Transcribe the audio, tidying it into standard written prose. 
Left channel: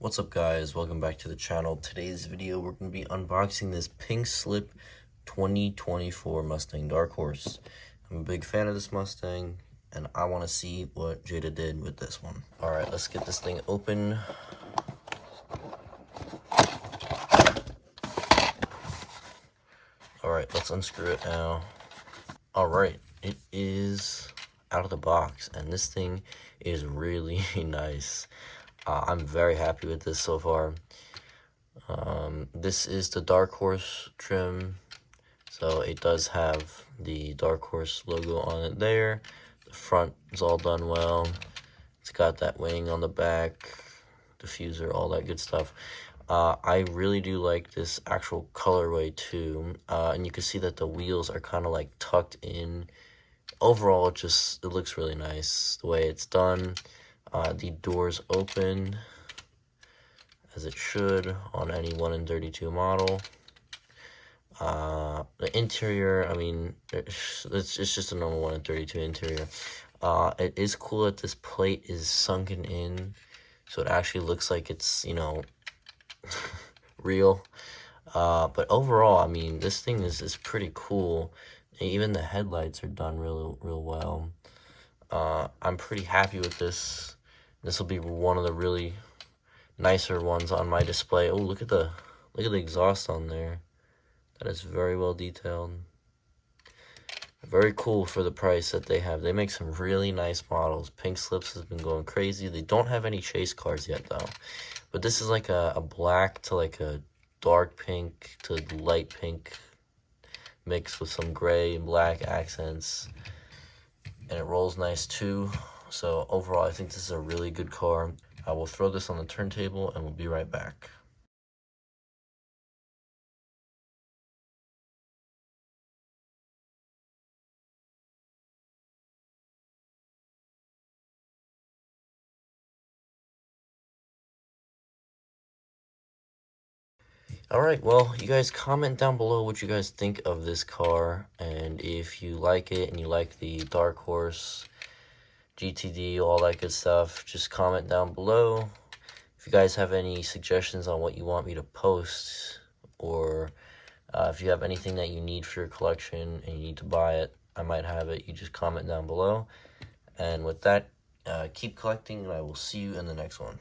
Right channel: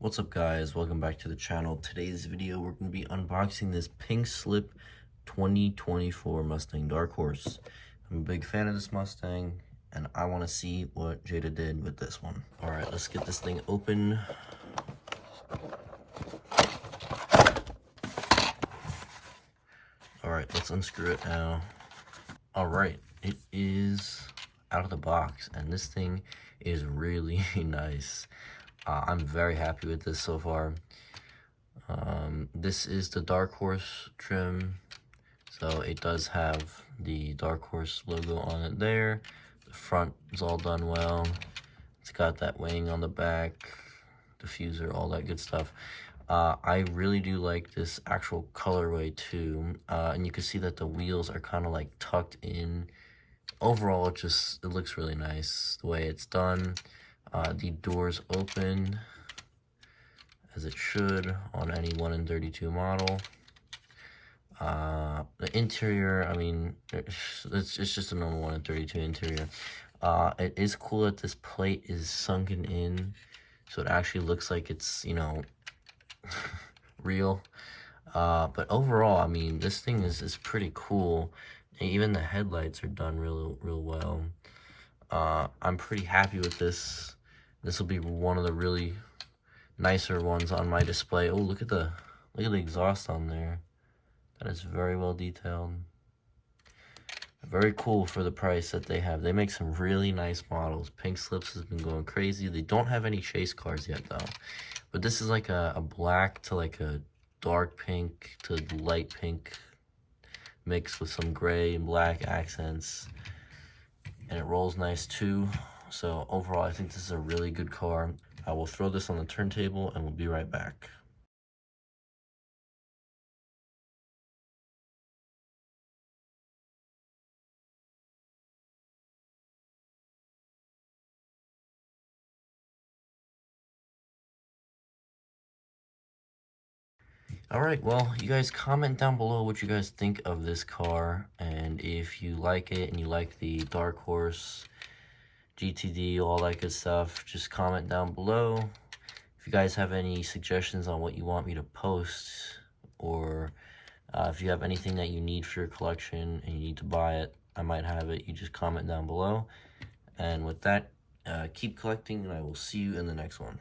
What's up guys, welcome back to the channel. Today's video we're going to be unboxing this pink slip 2024 Mustang Darkhorse. I'm a big fan of this Mustang and I want to see what Jada did with this one. Alright, let's get this thing open. Alright, let's unscrew it now. Alright, it is out of the box and this thing is really nice. I'm very happy with this so far. This is the Darkhorse trim, so it does have the Darkhorse logo on it there. The front is all done well. It's got that wing on the back, diffuser, all that good stuff. I really do like this actual colorway too, and you can see that the wheels are kind of like tucked in. Overall, it looks really nice the way it's done. The doors open as it should on any 1 in 32 model. The interior, I mean, it's just a normal 1 in 32 interior. It is cool that this plate is sunken in, so it actually looks like it's, you know, real. But overall, I mean, this thing is pretty cool. Even the headlights are done real well. I'm pretty happy with this. This will be one of the really nicer ones on my display. Oh, look at the exhaust on there. That is very well detailed. Very cool for the price that they have. They make some really nice models. Pink Slips has been going crazy. They don't have any chase cars yet though. But this is like a black to like a dark pink to light pink mixed with some gray and black accents. And it rolls nice too. So overall, I think this is a really good car. I will throw this on the turntable and we'll be right back. Alright, well, you guys comment down below what you guys think of this car, and if you like it and you like the Darkhorse, GTD, all that good stuff, just comment down below. If you guys have any suggestions on what you want me to post, or if you have anything that you need for your collection and you need to buy it, I might have it, you just comment down below. And with that, keep collecting and I will see you in the next one.